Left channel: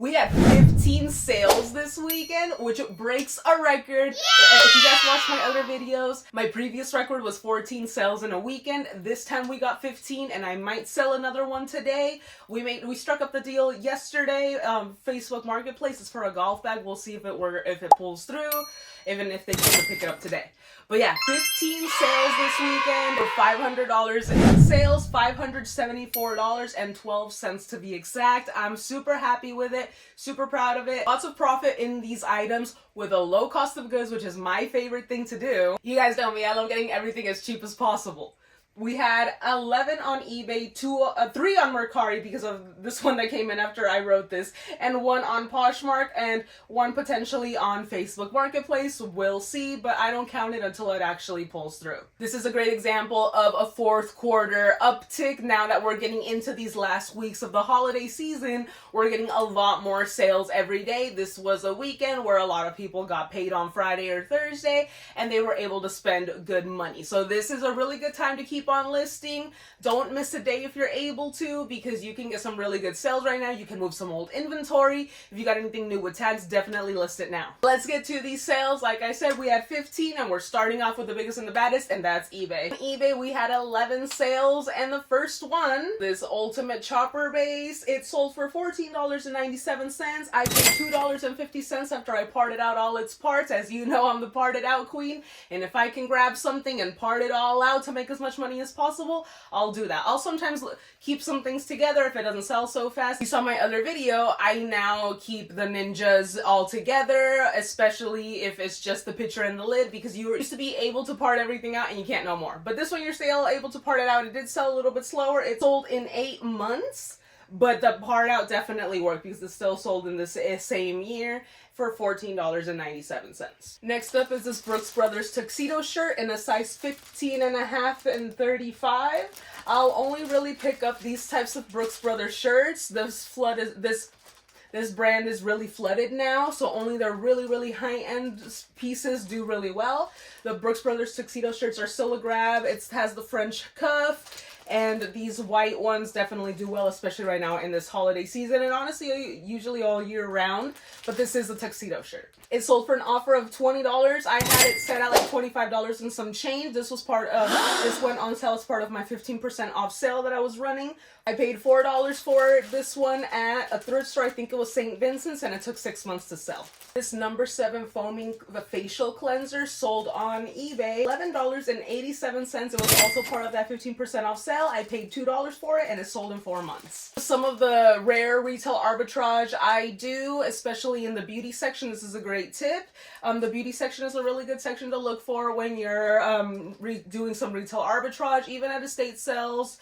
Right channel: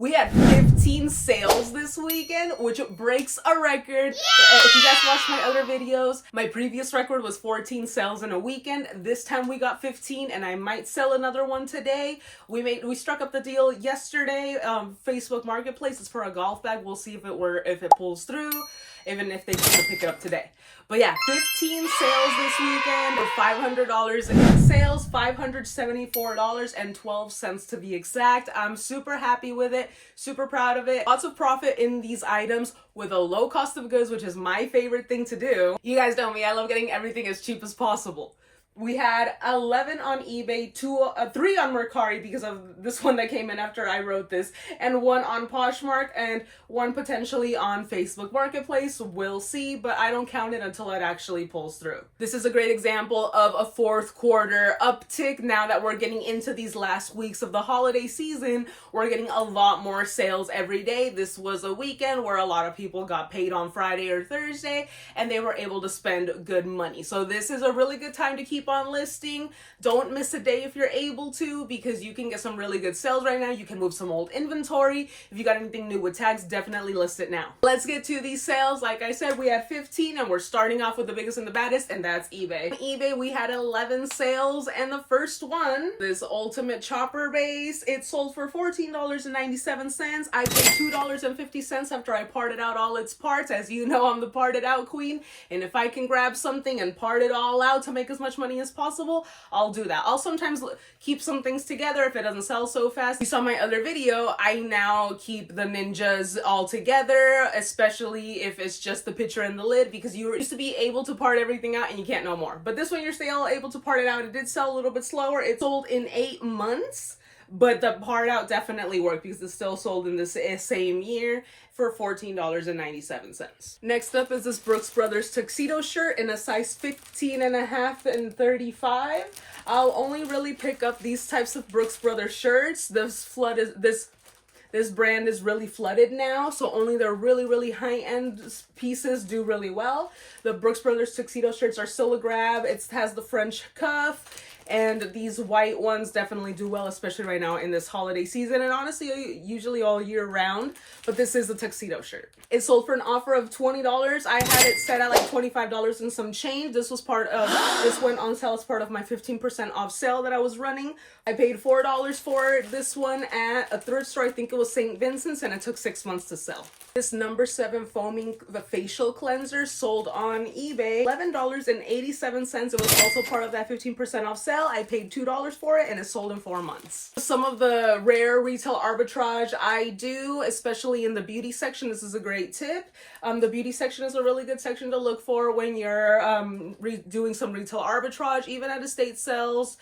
We had 15 sales this weekend, which breaks a record. Yeah! If you guys watched my other videos, my previous record was 14 sales in a weekend. This time we got 15, and I might sell another one today. We struck up the deal yesterday. Facebook Marketplace is for a golf bag. We'll see if it pulls through, even if they can pick it up today. But yeah, 15 sales this weekend, $500 in sales, $574.12 to be exact. I'm super happy with it, super proud of it. Lots of profit in these items with a low cost of goods, which is my favorite thing to do. You guys know me, I love getting everything as cheap as possible. We had 11 on eBay, 3 on Mercari because of this one that came in after I wrote this, and 1 on Poshmark, and 1 potentially on Facebook Marketplace. We'll see, but I don't count it until it actually pulls through. This is a great example of a fourth quarter uptick. Now that we're getting into these last weeks of the holiday season, we're getting a lot more sales every day. This was a weekend where a lot of people got paid on Friday or Thursday, and they were able to spend good money. So this is a really good time to keep on listing. Don't miss a day if you're able to, because you can get some really good sales right now. You can move some old inventory. If you got anything new with tags, definitely list it now. Let's get to these sales. Like I said, we had 15, and we're starting off with the biggest and the baddest, and that's eBay. On eBay, we had 11 sales, and the first one, this ultimate chopper base, it sold for $14.97. I paid $2.50 after I parted out all its parts. As you know, I'm the parted out queen, and if I can grab something and part it all out to make as much money as possible, I'll do that. I'll sometimes keep some things together if it doesn't sell so fast. You saw my other video, I now keep the ninjas all together, especially if it's just the picture and the lid, because you used to be able to part everything out and you can't no more. But this one, you're still able to part it out. It did sell a little bit slower. It sold in 8 months, but the part out definitely worked because it's still sold in the same year for $14.97. Next up is this Brooks Brothers tuxedo shirt in a size 15.5 and 35. I'll only really pick up these types of Brooks Brothers shirts. This brand is really flooded now, so only their really high-end pieces do really well. The Brooks Brothers tuxedo shirts are still a grab. It has the French cuff, and these white ones definitely do well, especially right now in this holiday season, and honestly, usually all year round, but this is a tuxedo shirt. It sold for an offer of $20. I had it set at like $25 and some change. This went on sale as part of my 15% off sale that I was running. I paid $4 for this one at a thrift store. I think it was St. Vincent's, and it took 6 months to sell. This number 7 foaming facial cleanser sold on eBay, $11.87. It was also part of that 15% off sale. I paid $2 for it, and it sold in 4 months. Some of the rare retail arbitrage I do, especially in the beauty section. This is a great tip. The beauty section is a really good section to look for when you're doing some retail arbitrage, even at estate sales.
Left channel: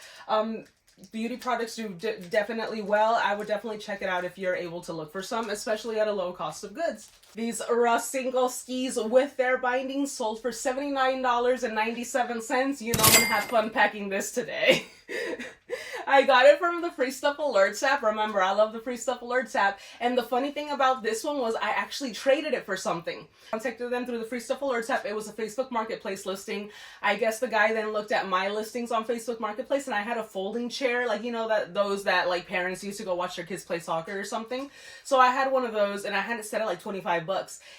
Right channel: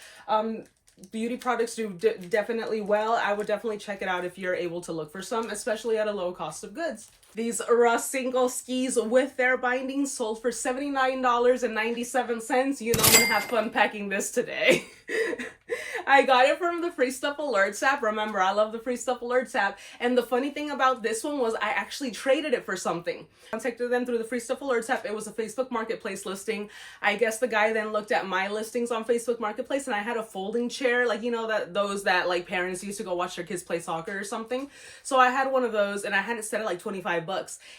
Beauty products do definitely well. I would definitely check it out if you're able to look for some, especially at a low cost of goods. These single skis with their bindings sold for $79.97. You know I'm gonna have fun packing this today. I got it from the Free Stuff Alerts app. Remember, I love the Free Stuff Alerts app. And the funny thing about this one was I actually traded it for something. I contacted them through the Free Stuff Alerts app. It was a Facebook Marketplace listing. I guess the guy then looked at my listings on Facebook Marketplace, and I had a folding chair, like, you know, those that like parents used to go watch their kids play soccer or something. So I had one of those, and I had it set at like $25.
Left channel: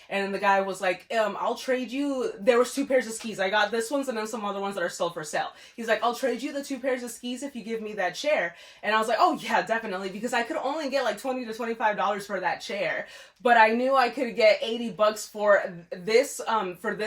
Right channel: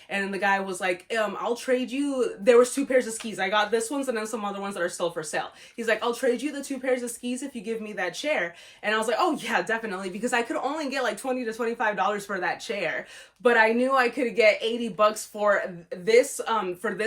And then the guy was like, I'll trade you. There was 2 pairs of skis. I got this ones and then some other ones that are still for sale. He's like, I'll trade you the 2 pairs of skis if you give me that chair. And I was like, oh yeah, definitely, because I could only get like $20 to $25 for that chair, but I knew I could get $80 for this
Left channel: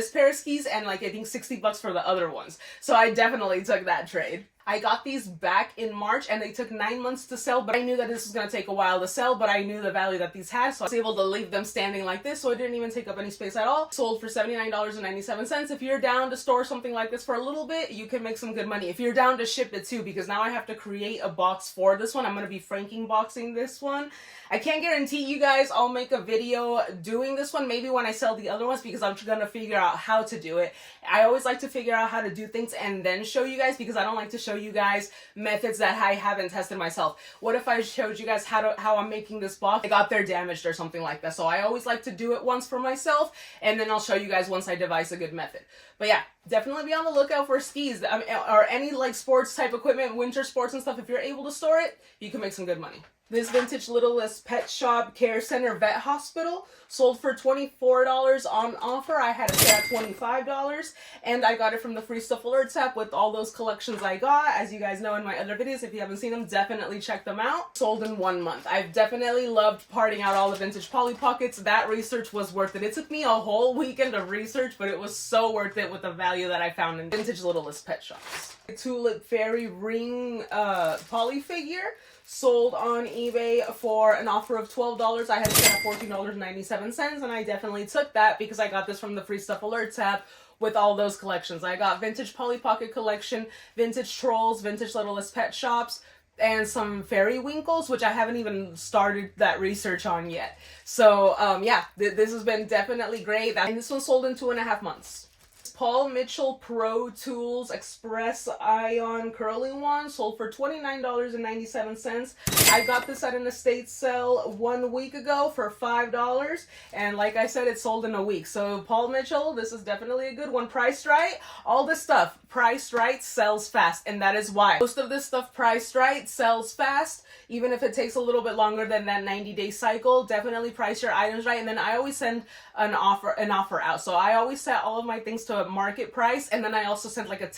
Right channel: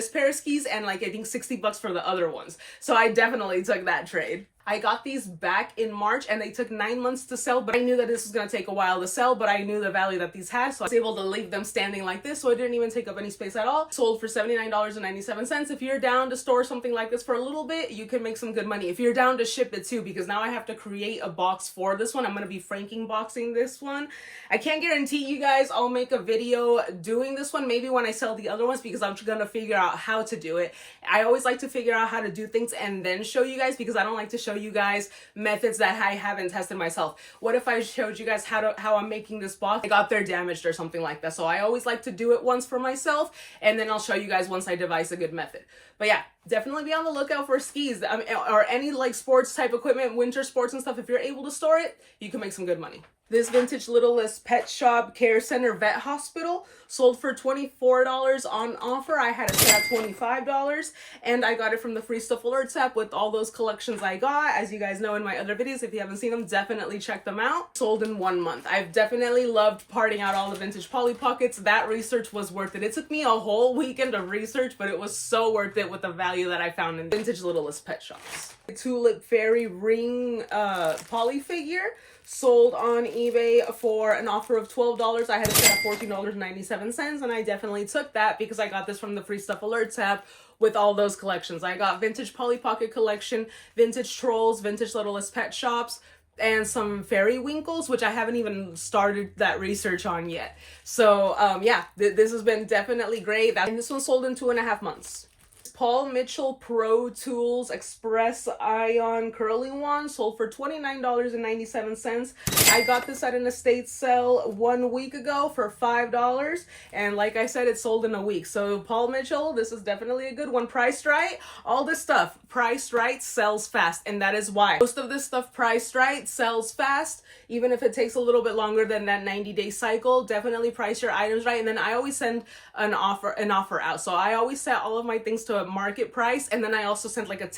pair of skis, and like I think $60 for the other ones. So I definitely took that trade. I got these back in March, and they took 9 months to sell, but I knew that this was going to take a while to sell, but I knew the value that these had, so I was able to leave them standing like this, so it didn't even take up any space at all. Sold for $79.97. If you're down to store something like this for a little bit, you can make some good money. If you're down to ship it too, because now I have to create a box for this one. I'm going to be franking boxing this one. I can't guarantee you guys I'll make a video doing this one, maybe when I sell the other ones, because I'm going to figure out how to do it. I always like to figure out how to do things and then show you guys, because I don't like to show you guys methods that I haven't tested myself. What if I showed you guys how I'm making this box? I got there damaged or something like that. So I always like to do it once for myself, and then I'll show you guys once I devise a good method. But yeah, definitely be on the lookout for skis, or any like sports type equipment, winter sports and stuff. If you're able to store it, you can make some good money. This vintage Littlest Pet Shop Care Center Vet Hospital sold for $24 on offer. I had it set at $25, and I got it from the Free Stuff Alerts app with all those collections I got. As you guys know in my other videos, if you haven't seen them, definitely check them out. Sold in 1 month. I've definitely loved parting out all the vintage Polly Pockets. That research was worth it. It took me a whole weekend of research, but it was so worth it with the value that I found in vintage Littlest Pet Shops. Tulip Fairy ring Polly figure sold on eBay for an offer of $12. I had it set at $14.97, and I definitely took that because I got this from the Free Stuff Alerts app with all those collections. I got vintage Polly Pocket collection, vintage Trolls, vintage Littlest Pet Shops, and some fairy winkles, which I haven't even started that research on yet. So yeah, this has been definitely great. And this one sold in 2.5 months. Paul Mitchell Pro Tools Express Ion Curling Wand sold for $29.97. I got this at an estate sale 1 week ago for $5, and like I said, it sold in a week. So Paul Mitchell, this is definitely a good one. Priced right, all this stuff priced right sells fast, and that is why most of this stuff priced right sells fast, even if it takes a little bit longer than that 90-day cycle. Definitely price your items right. And then I always send an offer out, so I always set all of my things to market price, and then I also sent like a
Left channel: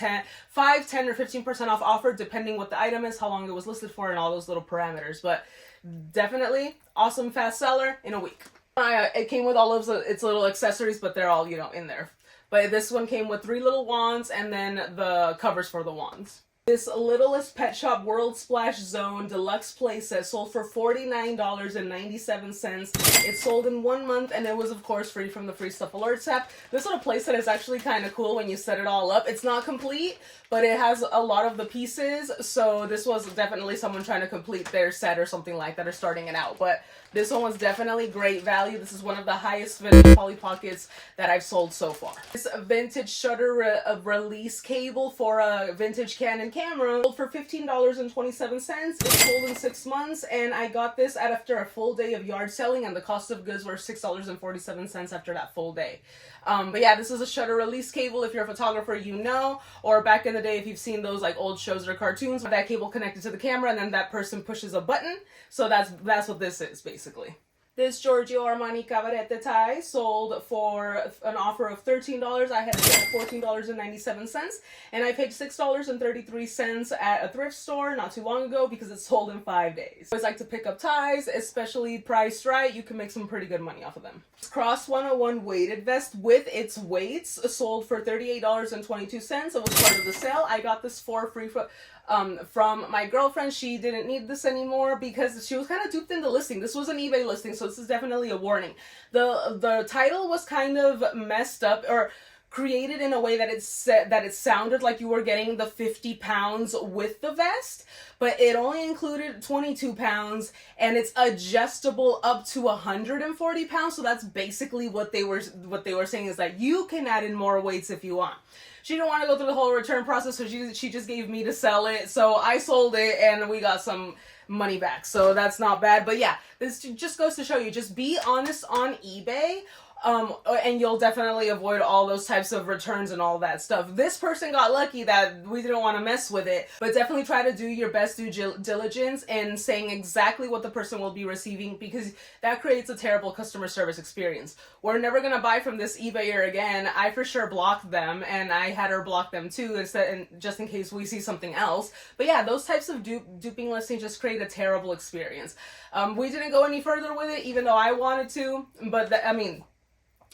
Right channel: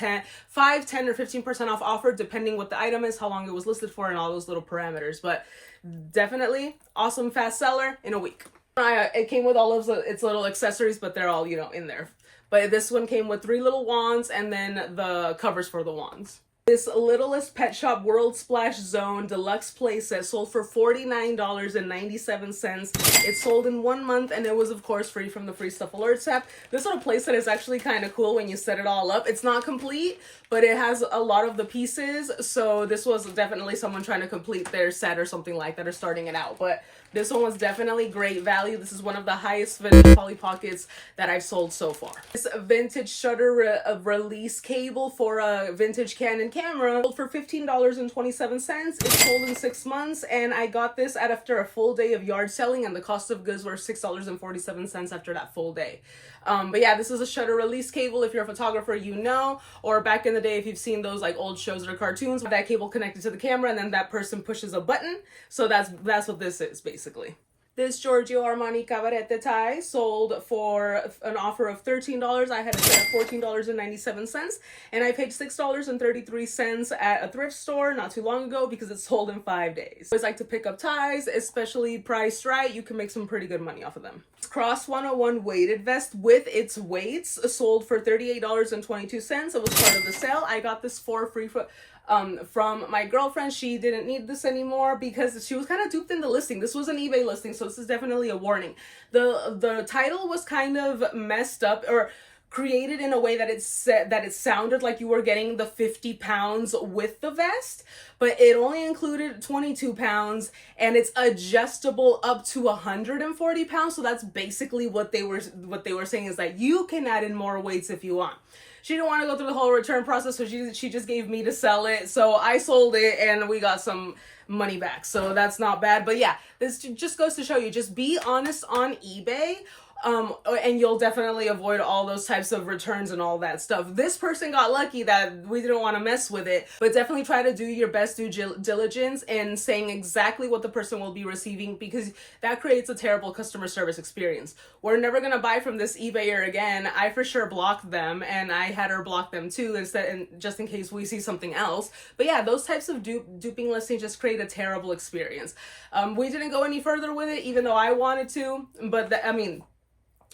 5, 10 or 15% off offer depending what the item is, how long it was listed for, and all those little parameters. But definitely awesome fast seller in a week. It came with all of its little accessories, but they're all, you know, in there. But this one came with 3 little wands and then the covers for the wands. This Littlest Pet Shop World Splash Zone Deluxe playset sold for $49.97. It sold in 1 month, and it was of course free from the Free Stuff Alerts app. This little playset is actually kind of cool when you set it all up. It's not complete, but it has a lot of the pieces, so this was definitely someone trying to complete their set or something like that, or starting it out. But this one was definitely great value. This is one of the highest vintage Polly Pockets that I've sold so far. This vintage shutter release cable for a vintage Canon camera sold for $15.27. It sold in 6 months, and I got this after a full day of yard selling, and the cost of goods were $6.47 after that full day. But yeah, this is a shutter release cable. If you're a photographer, you know, or back in the day, if you've seen those like old shows or cartoons, that cable connected to the camera, and then that person pushes a button. So that's what this is basically. This Giorgio Armani Cabarete tie sold for an offer of $13. I had it set at $14.97, and I paid $6.33 at a thrift store not too long ago because it sold in 5 days. I always like to pick up ties, especially priced right. You can make some pretty good money off of them. Cross 101 weighted vest with its weights sold for $38.22. It was part of the sale. I got this for free from my girlfriend. She didn't need this anymore because she was kind of duped in the listing. This was an eBay listing, so this is definitely a warning. The title was kind of messed up, or created in a way that it sounded like you were getting the 50 pounds with the vest, but it only included 22 pounds, and it's adjustable up to 140 pounds. So that's basically what they were saying, is that you can add in more weights if you want. She didn't want to go through the whole return process, so she just gave me to sell it. So I sold it, and we got some money back. So that's not bad. But yeah, this just goes to show you, just be honest on eBay. And you'll definitely avoid all those types of returns and all that stuff. This person got lucky that we didn't want to mess with it, but definitely try to do your best due diligence in saying exactly what the person will be receiving, because that creates a terrible customer service experience. We're never going to buy from this eBayer again. I for sure blocked them, and I had her block them too, just in case we see something else. But yeah, those types of duping listings just create a terrible experience. We didn't go any further with it, even though I wanted to,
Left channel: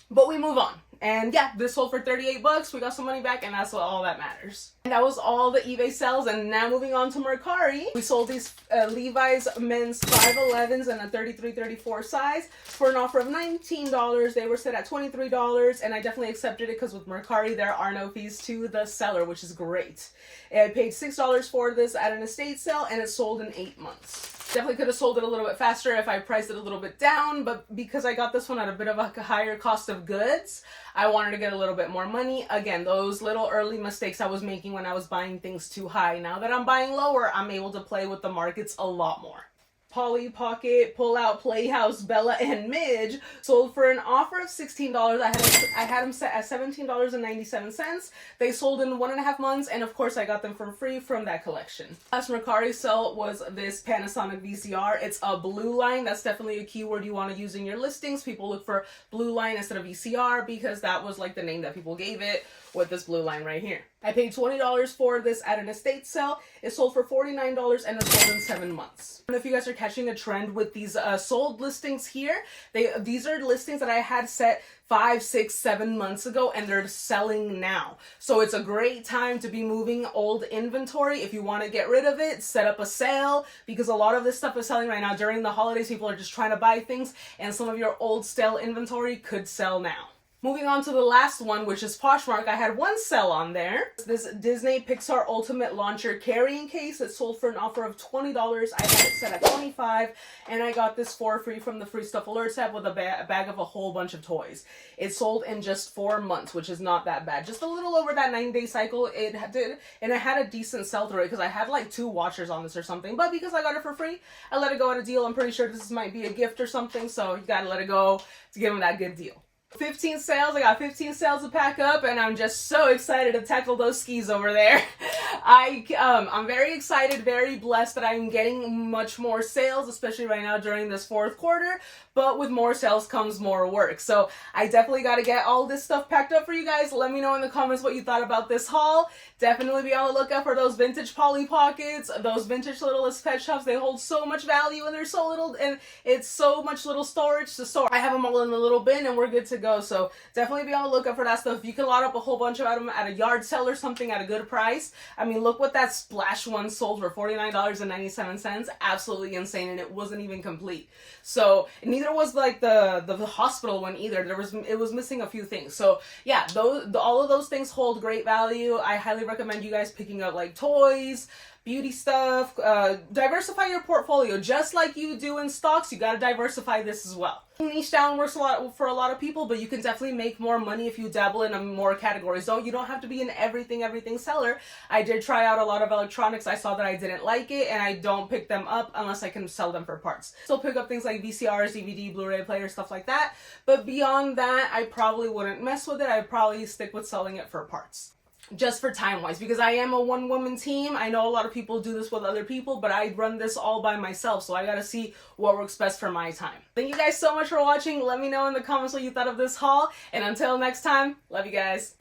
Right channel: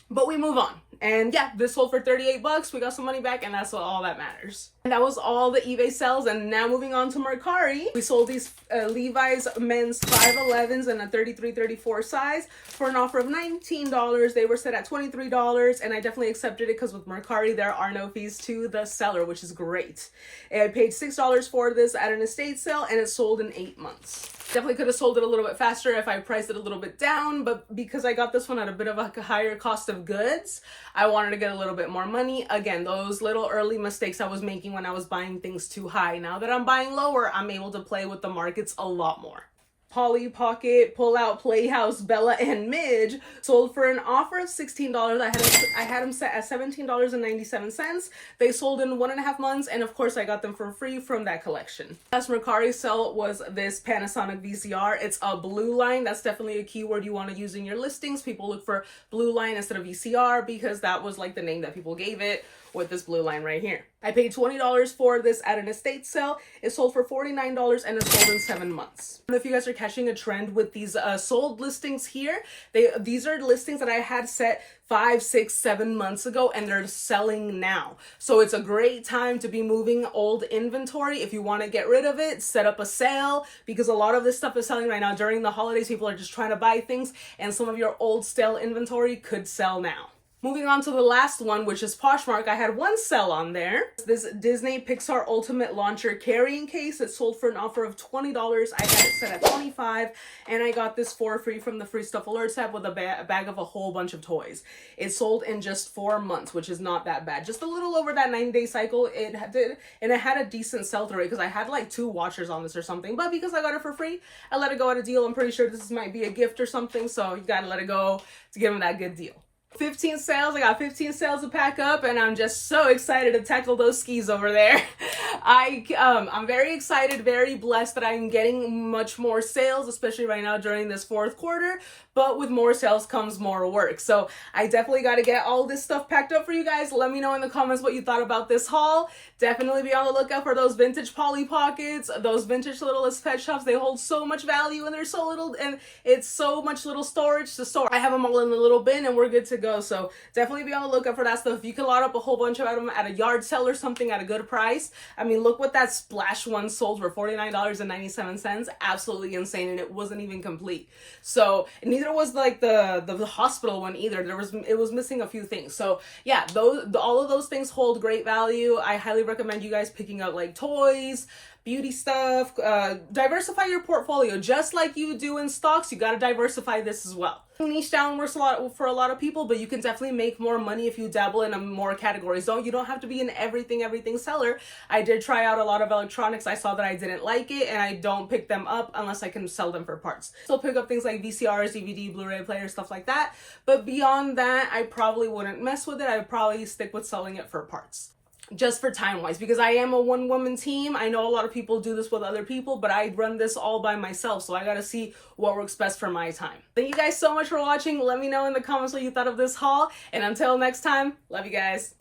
but we move on. And yeah, this sold for $38. We got some money back, and that's all that matters. And that was all the eBay sales. And now moving on to Mercari. We sold these Levi's men's 511s in a 33-34 size for an offer of $19. They were set at $23, and I definitely accepted it because with Mercari, there are no fees to the seller, which is great. And I paid $6 for this at an estate sale, and it sold in 8 months. Definitely could have sold it a little bit faster if I priced it a little bit down, but because I got this one at a bit of a higher cost of goods, I wanted to get a little bit more money. Again, those little early mistakes I was making when I was buying things too high. Now that I'm buying lower, I'm able to play with the markets a lot more. Polly Pocket, Pull Out, Playhouse, Bella, and Midge sold for an offer of $16. I had them set at $17.97. They sold in 1.5 months, and of course I got them for free from that collection. Last Mercari sale was this Panasonic VCR. It's a blue line. That's definitely a keyword you want to use in your listings. People look for blue line instead of VCR because that was like the name that people gave it, with this blue line right here. I paid $20 for this at an estate sale. It sold for $49 and it sold in 7 months. And if you guys are catching a trend with these sold listings here, these are listings that I had set 5, 6, 7 months ago, and they're selling now. So it's a great time to be moving old inventory. If you want to get rid of it, set up a sale, because a lot of this stuff is selling right now. During the holidays, people are just trying to buy things, and some of your old stale inventory could sell now. Moving on to the last one, which is Poshmark. I had one sell on there. This Disney Pixar Ultimate Launcher carrying case. It sold for an offer of $20. I had it set at $25, and I got this for free from the Free Stuff Alerts app with a bag of a whole bunch of toys. It sold in just 4 months, which is not that bad. Just a little over that 9-day cycle it did, and it had a decent sell-through rate because I had like 2 watchers on this or something. But because I got it for free, I let it go at a deal. I'm pretty sure this might be a gift or something, so you gotta let it go to give them that good deal. 15 sales. I got 15 sales to pack up, and I'm just so excited to tackle those skis over there. I'm very excited, very blessed that I'm getting much more sales, especially right now during this 4th quarter. But with more sales comes more work. So I definitely got to get all this stuff packed up for you guys. Let me know in the comments what you thought about this haul. Definitely be on the lookout for those vintage Polly Pockets, those vintage Littlest Pet Shops. They hold so much value, and they're so little, and it's so much little storage to store. I have them all in the little bin, and we're good to go. So definitely be on the lookout for that stuff. If you can lot up a whole bunch of them at a yard sale or something at a good price. I mean, look what that Splash one sold for, $49.97. Absolutely insane, and it wasn't even complete. So neither was like the hospital one either. It was missing a few things. So yeah, all of those things hold great value. I highly recommend you guys picking up like toys, beauty stuff, diversify your portfolio. Just like you do in stocks, you got to diversify this as well. Niche down works a lot for a lot of people, but you can definitely make more money if you dabble in more categories. You don't have to be an everything seller. I did try out a lot of electronics. I saw that I didn't like it, and I don't pick them up unless I can sell them for parts. Still pick up things like VCRs, DVD, Blu-ray players, stuff like that. But beyond that, I probably wouldn't mess with it. I'd probably stick with selling it for parts. Just for time-wise, because I am a one-woman team. I know a lot of people do this with other people, but I run this all by myself, so I gotta see what works best for my time. Thank you guys so much for watching. Let me know in the comments what you thought of this haul, and until next time, love you guys.